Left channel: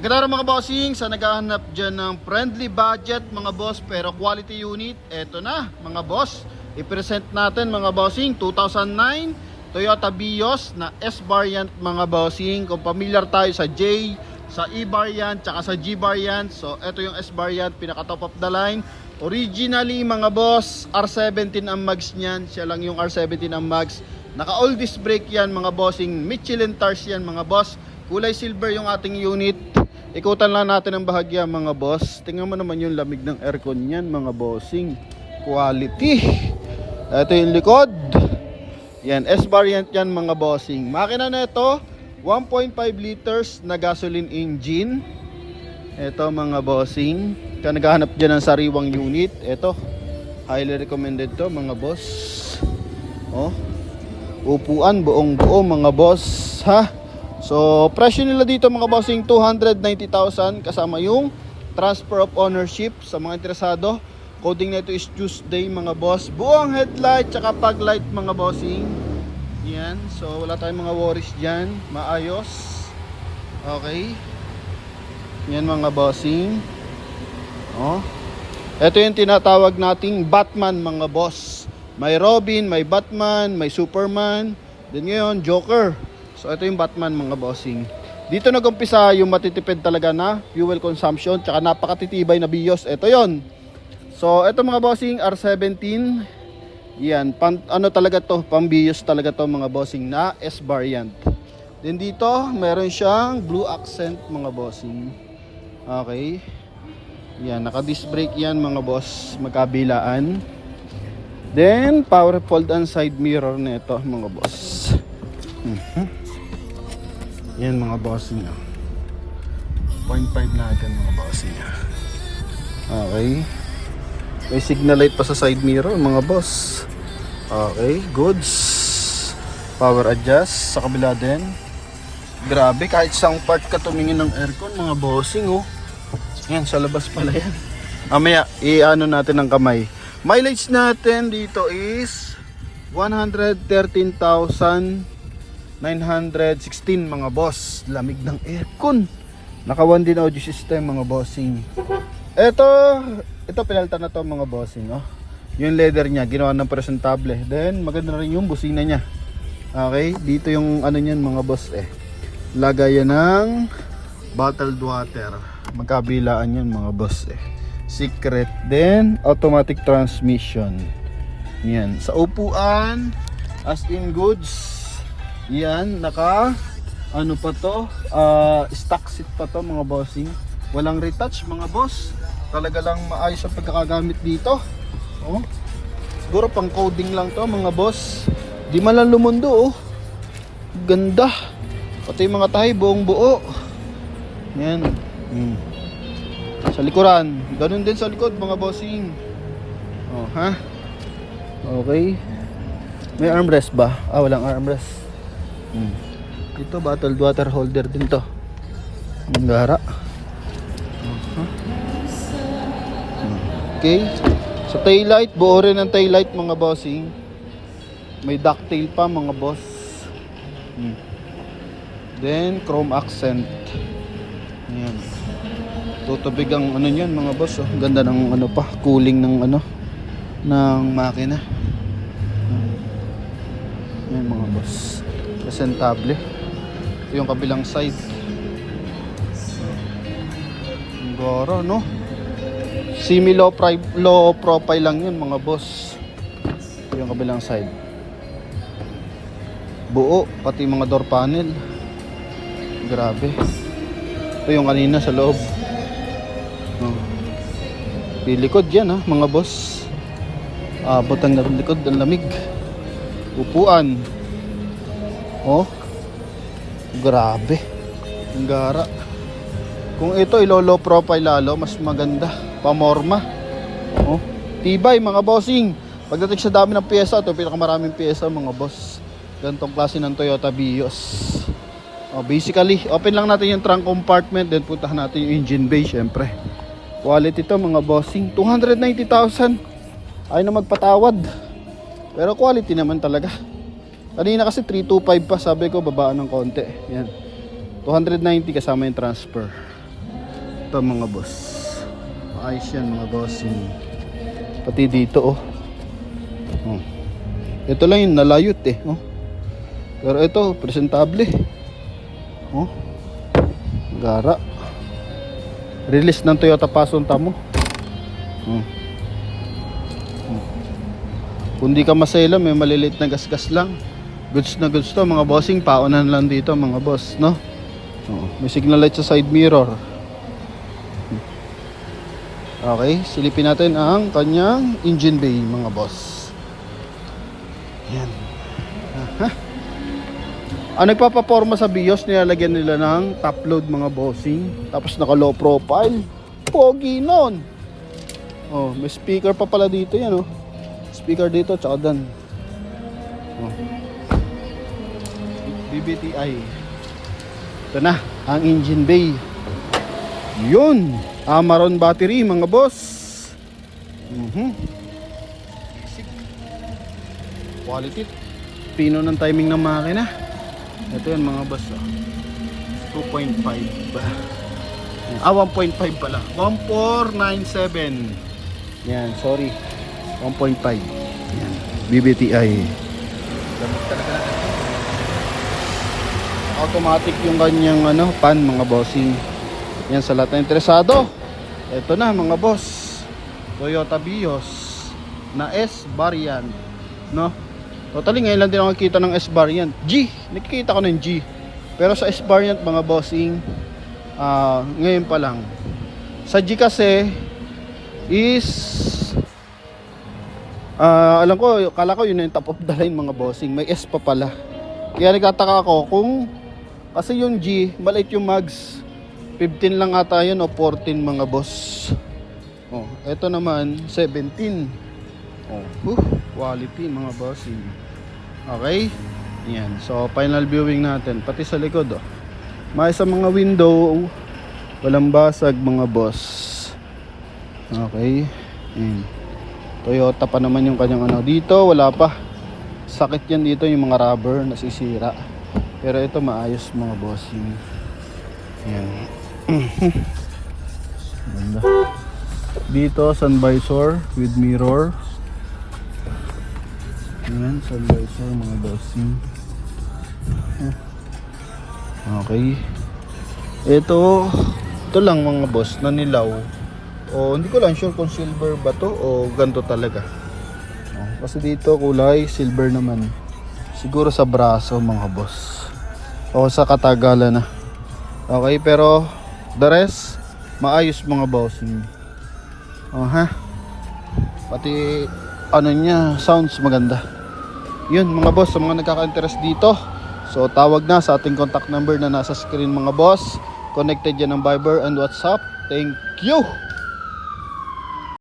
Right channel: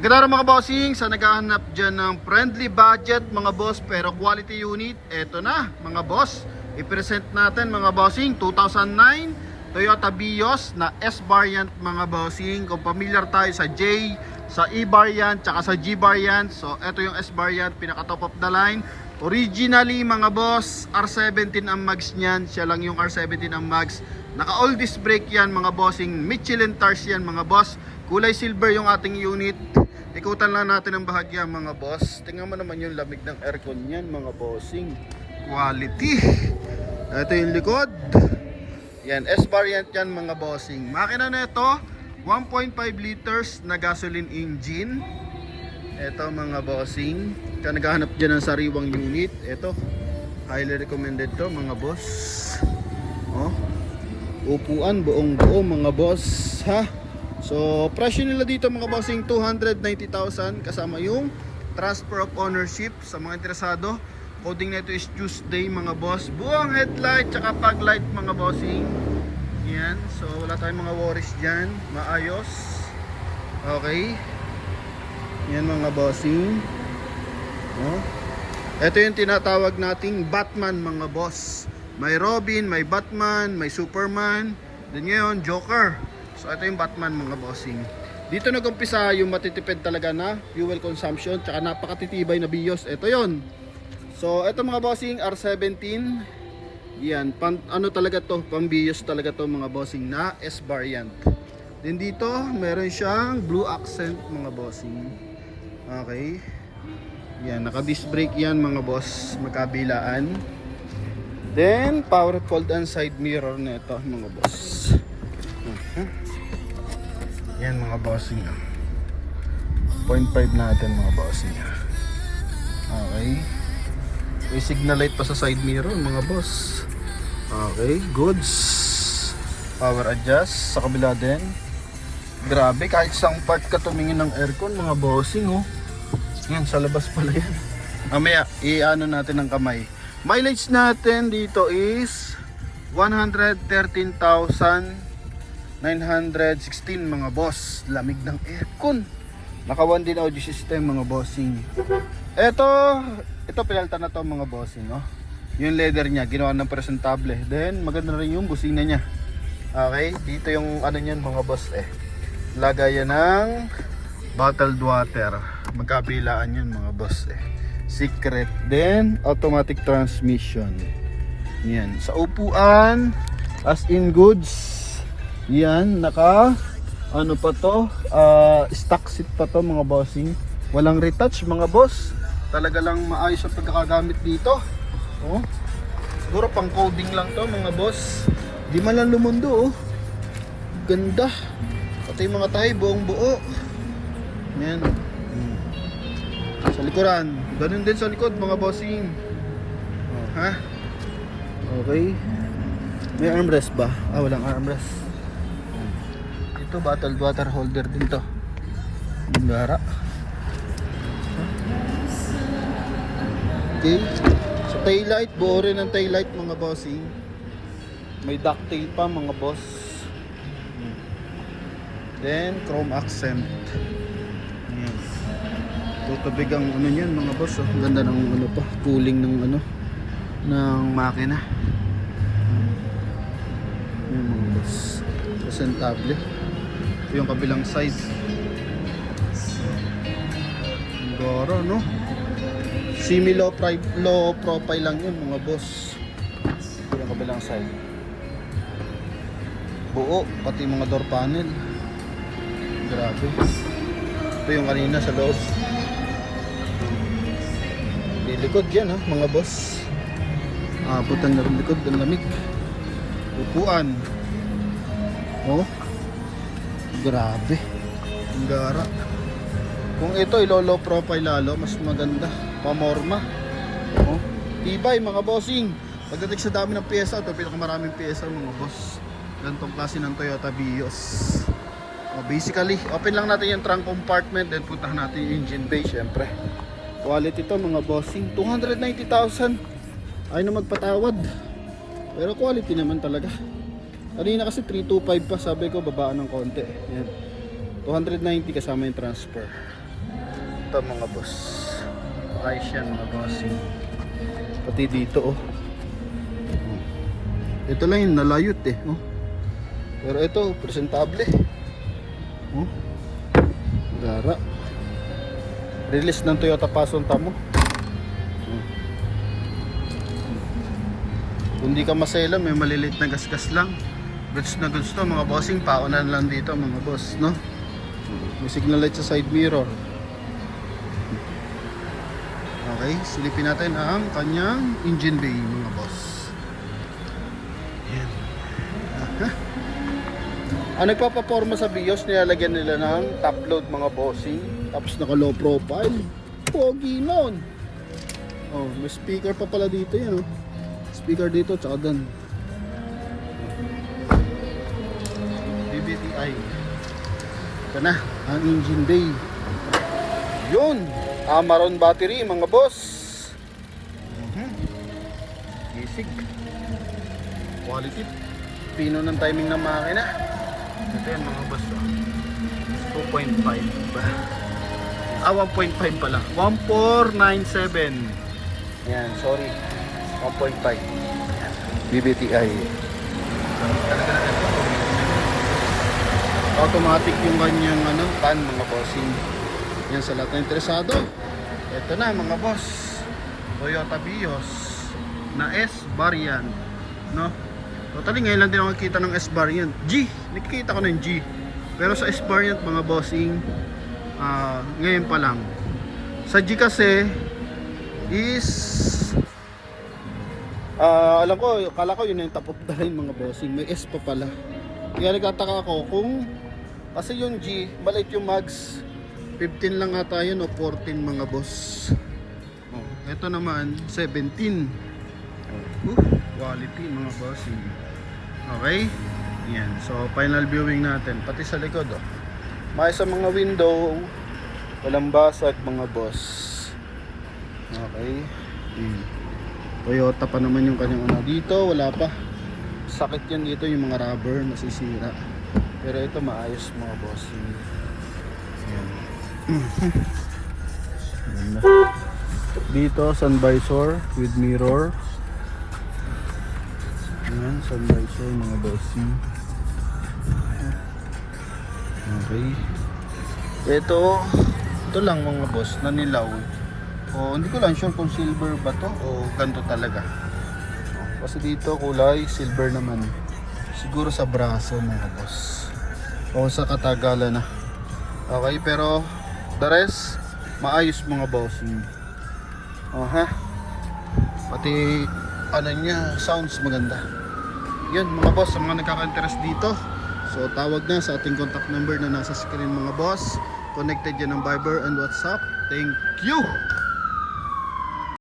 Ganda mga bossing, sa naghahanap dyan ng friendly budget mga boss pero quality unit, eto na mga boss. I-present natin mga bossing 2009 Toyota Vios na S variant mga bossing. Kung familiar tayo sa J, sa E variant, tsaka sa G variant. So eto yung S variant, pinaka top of the line. Originally mga boss, R17 ang mags niyan. Siya lang yung R17 ang mags. Naka all disc brake yan mga bossing. Michelin tires yan mga boss. Kulay silver yung ating unit. Ikutan lang natin ang bahagya mga boss. Tingnan mo naman yung lamig ng aircon niyan mga bossing. Quality. Ito yung likod. Yan, S variant yan mga bossing. Makina na ito, 1.5 liters na gasoline engine. Ito mga bossing. Kaya naghahanap dyan ng sariwang unit. Ito, highly recommended to mga boss. Oh, upuan buong buo mga boss ha. So, presyo nila dito mga bossing 290,000 kasama yung transfer of ownership sa mga interesado. Coding nito is Tuesday mga boss. Buong headlight tsaka fog light mga bossing. Yan. So, wala tayong mga worries dyan. Maayos. Okay. Yan mga bossing. Oh. Ito yung tinatawag nating Batman mga boss. May Robin, may Batman, may Superman. Then ngayon, Joker. So ito yung Batman mga bossing. Dito nag-umpisa yung matitipid talaga na fuel consumption tsaka napakatitibay na Vios. Ito yon. So ito mga bossing R17. Yan, ano talaga to? Pang Vios talaga to mga bossing na S variant. Then dito meron siyang blue accent mga bossing. Okay. Yan, naka disc brake yan mga boss, magkabilaan. Then power fold and side mirror nito mga boss. Yan mga bossing. 0.5 natin mga bossing. Okay. May signal light pa sa side mirror mga boss. Okay, goods. Power adjust sa kabila din. Grabe, kahit isang part ka tumingin ng aircon mga bossing oh. Yan, sa labas pala yan. Mamaya, i-ano natin ng kamay. Mileage natin dito is 113,916 mga boss. Lamig ng aircon. Naka 1 din audio system mga bossing. Ito pinalta na to mga bossing oh. Yung leather niya ginawa ng presentable. Then maganda rin yung busina niya. Okay, dito yung ano niyan mga boss eh. Lagayan ng bottled water. Magkabilaan yan mga boss eh. Secret. Then automatic transmission. Yan, sa upuan as in goods. Yan, naka ano pa to, stock seat pa to mga bossing. Walang retouch mga boss. Talaga lang maayos ang pagkakagamit dito. Oh. Siguro pang coding lang to mga boss. Di man lang lumundo oh. Ganda. Pati yung mga tayo buong buo. Yan. Sa likuran, ganun din sa likod mga bossing. Oh, ha? Okay. May armrest ba? Walang armrest. Ito bottled water holder din to. Ang gara. Okay. Sa taillight, buo rin ang taillight mga bossing. May ducktail pa mga boss. Then chrome accent. Yan. Tutubig ang ano niyan mga boss oh. Ganda ng ano pa, cooling ng ano ng makina. Yan mga boss. Presentable. Ito yung kabilang side. Goro no. Semi low profile lang yun mga boss. Ito yung kabilang side. Buo pati mga door panel. Grabe. Ito yung kanina sa loob. Di likod yan ha mga boss. Abot ang likod, ang lamig. Upuan. Oh. Grabe. Ang gara. Kung ito ilo-low profile lalo, mas maganda. Pamorma. Oh. Tibay mga bossing. Pagdating sa dami ng pyesa, ito pinakamaraming pyesa mga boss. Ganitong klase ng Toyota Vios. Oh, basically, open lang natin yung trunk compartment, then puntahan natin yung engine bay syempre. Quality to mga bossing. 290,000. Ay na magpatawad. Pero quality naman talaga. Kanina kasi 325 pa, sabi ko babaan ng konti. Yan. 290 kasama yung transfer. Ito mga boss. Ayos yan mga bossing. Pati dito oh. Ito lang yung nalayot eh. Oh. Pero ito, presentable. Oh. Gara. Release ng Toyota Passion Tamo. Kung di ka masela, may maliliit na gasgas lang. Goods na goods to mga bossing. Paunan lang dito mga boss, no? May signal light sa side mirror. Okay, silipin natin ang kanyang engine bay mga boss. Yan. Ang nagpapaporma sa BIOS, nilalagyan nila ng top load mga bossing. Tapos naka low profile. Pogi nun. Oh, may speaker pa pala dito yan oh. Speaker dito tsaka dan. Oh. BBTI. Ito na ang engine bay. Yun, Amaron battery mga boss. Basic. Quality. Pino ng timing ng makina. Ito yan mga boss. 2.5. 1.5 pala. 1497. Yan, sorry. 1.5. BBTI. Talaga na. Automatic yung kanyang pan mga bossing. Yan sa lahat na interesado. Ito na mga boss. Toyota Vios na S variant, no? Totally ngayon lang din ako nakikita ng S variant. G, nakikita ko ng G. Pero sa S variant mga bossing, ngayon pa lang. Sa G kasi is alam ko, kala ko yun yung top of the line mga bossing. May S pa pala. Kaya nagtataka ako kung kasi yung G, maliit yung mags. 15 lang ata yun o 14 mga boss. Oh, ito naman 17. Oh, quality mga bossing. Okay? Yan. So final viewing natin pati sa likod oh. May sa mga window walang basag mga boss. Okay. Toyota pa naman yung kanyang dito wala pa. Sakit yan dito yung mga rubber nasisira. Pero ito maayos mga bossing. Yan. Dito sun visor with mirror. Ayan, sun visor mga bossing. Okay. Ito lang mga boss na nilaw. O hindi ko lang sure kung silver ba to o ganto talaga. Kasi dito kulay silver naman. Siguro sa braso mga boss. O sa katagalan na. Okay, pero the rest maayos mga bossing. Ha? Pati niya, sounds maganda. Yun mga boss, sa mga nagkaka-interest dito. So tawag na sa ating contact number na nasa screen mga boss. Connected yan ng Viber and WhatsApp. Thank you.